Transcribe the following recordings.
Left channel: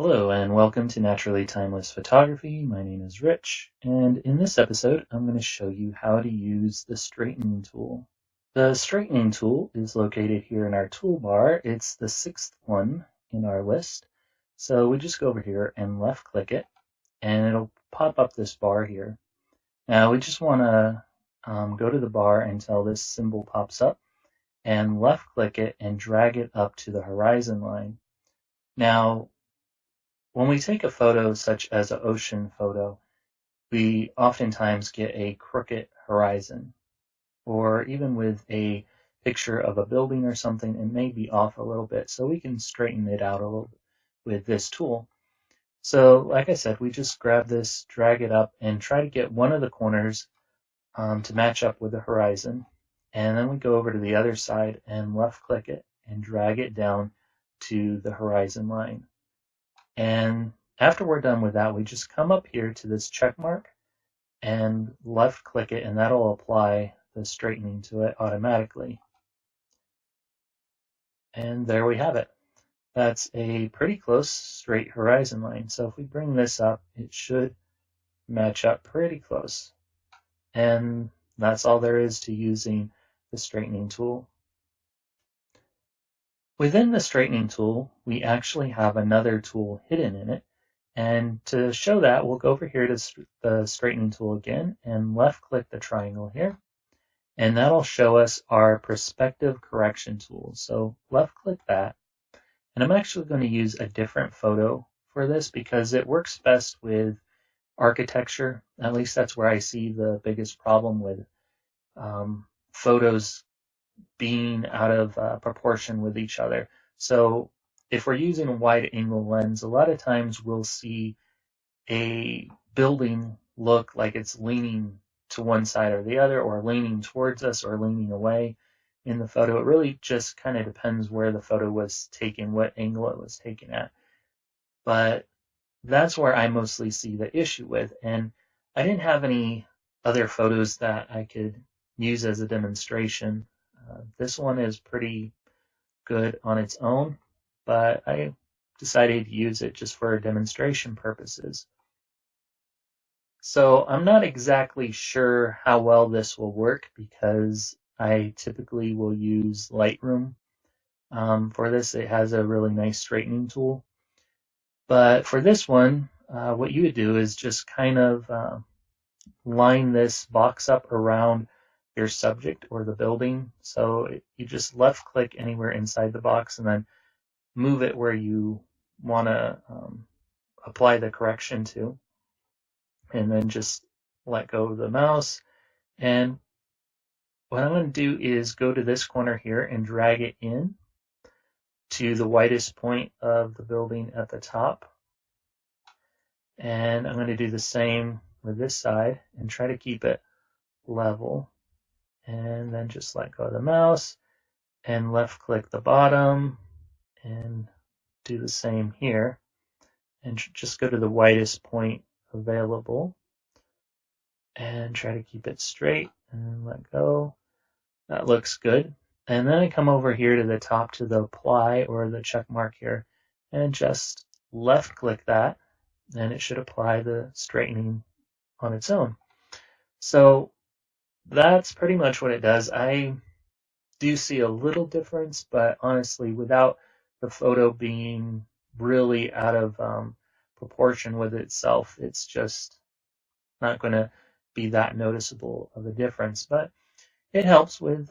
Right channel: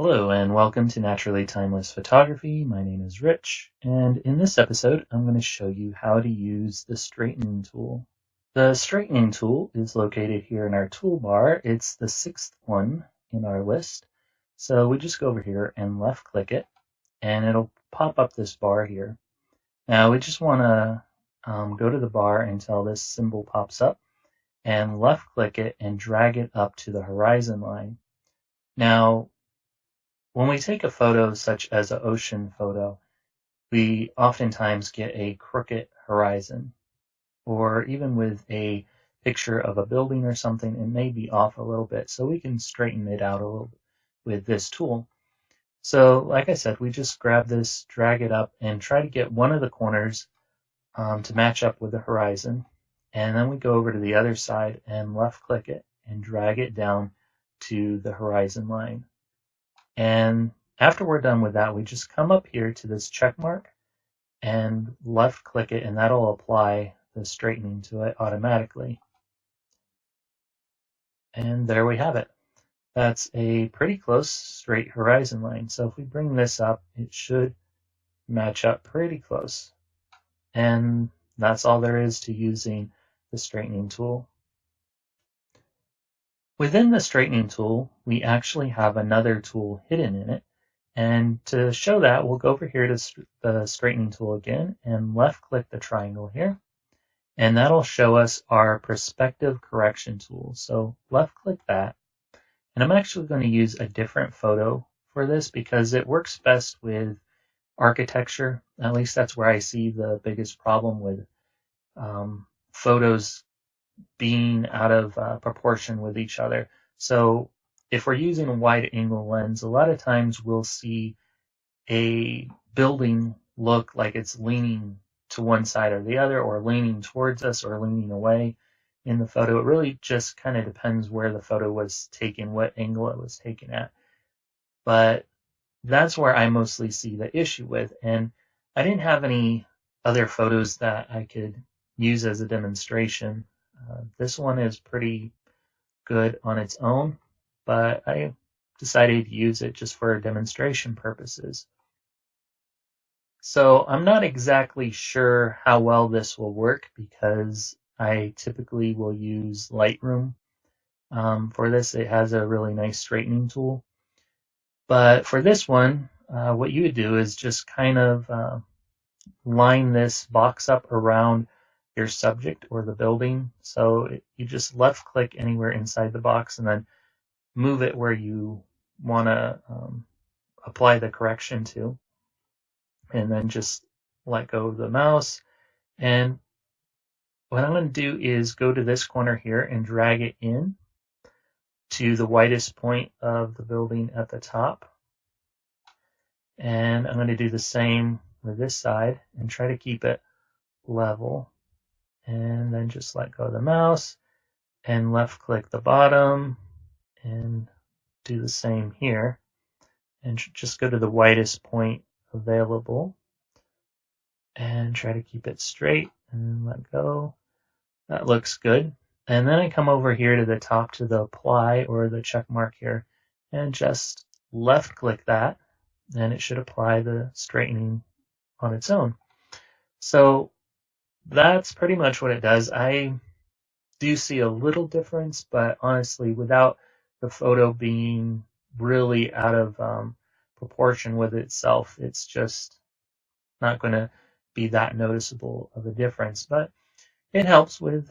Hello and welcome to Naturally Timeless Photography. My name is Rich, and in this episode I'm going to show you how to use the straightening tool. The straightening tool is located here in our toolbar. It's the sixth one in our list. So we just go over here and left click it, and it'll pop up this bar here. Now we just want to go to the bar until this symbol pops up, and left click it and drag it up to the horizon line. Now, when we take a photo such as an ocean photo, we oftentimes get a crooked horizon. Or even with a picture of a building or something, it may be off a little bit. So we can straighten it out a little bit with this tool. So like I said, we just grab this, drag it up, and try to get one of the corners to match up with the horizon. And then we go over to the other side and left click it and drag it down to the horizon line. And after we're done with that, we just come up here to this check mark and left click it, and that'll apply the straightening to it automatically. And there we have it. That's a pretty close straight horizon line. So if we bring this up, it should match up pretty close. And that's all there is to using the straightening tool. Within the straightening tool, we actually have another tool hidden in it. And to show that, we'll go over here to the straightening tool again and left click the triangle here. And that'll show us our perspective correction tool. So left click that. And I'm actually going to use a different photo for this because it works best with architecture. At least that's where I see the biggest problem with photos being out of proportion with each other. So if we're using a wide angle lens, a lot of times we'll see a building look like it's leaning to one side or the other, or leaning towards us or leaning away in the photo. It really just kind of depends where the photo was taken, what angle it was taken at. But that's where I mostly see the issue with. And I didn't have any other photos that I could use as a demonstration. This one is pretty good on its own, but I decided to use it just for demonstration purposes. So I'm not exactly sure how well this will work because I typically will use Lightroom. For this, it has a really nice straightening tool. But for this one, what you would do is just kind of line this box up around your subject or the building. So you just left click anywhere inside the box and then move it where you want to apply the correction to. And then just let go of the mouse. And what I'm going to do is go to this corner here and drag it in to the widest point of the building at the top. And I'm going to do the same with this side and try to keep it level. And then just let go of the mouse and left click the bottom and do the same here. And just go to the widest point available and try to keep it straight and let go. That looks good. And then I come over here to the top to the apply or the check mark here and just left click that, and it should apply the straightening on its own. So that's pretty much what it does. I do see a little difference, but honestly, without the photo being really out of proportion with itself, it's just not going to be that noticeable of a difference. But it helps with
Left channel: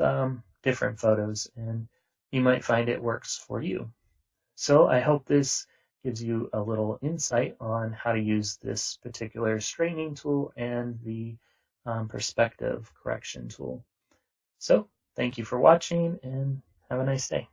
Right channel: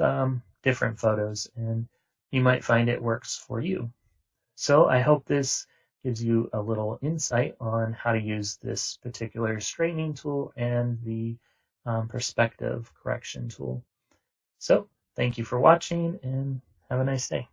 different photos, and you might find it works for you. So I hope this gives you a little insight on how to use this particular straightening tool and the perspective correction tool. So thank you for watching and have a nice day.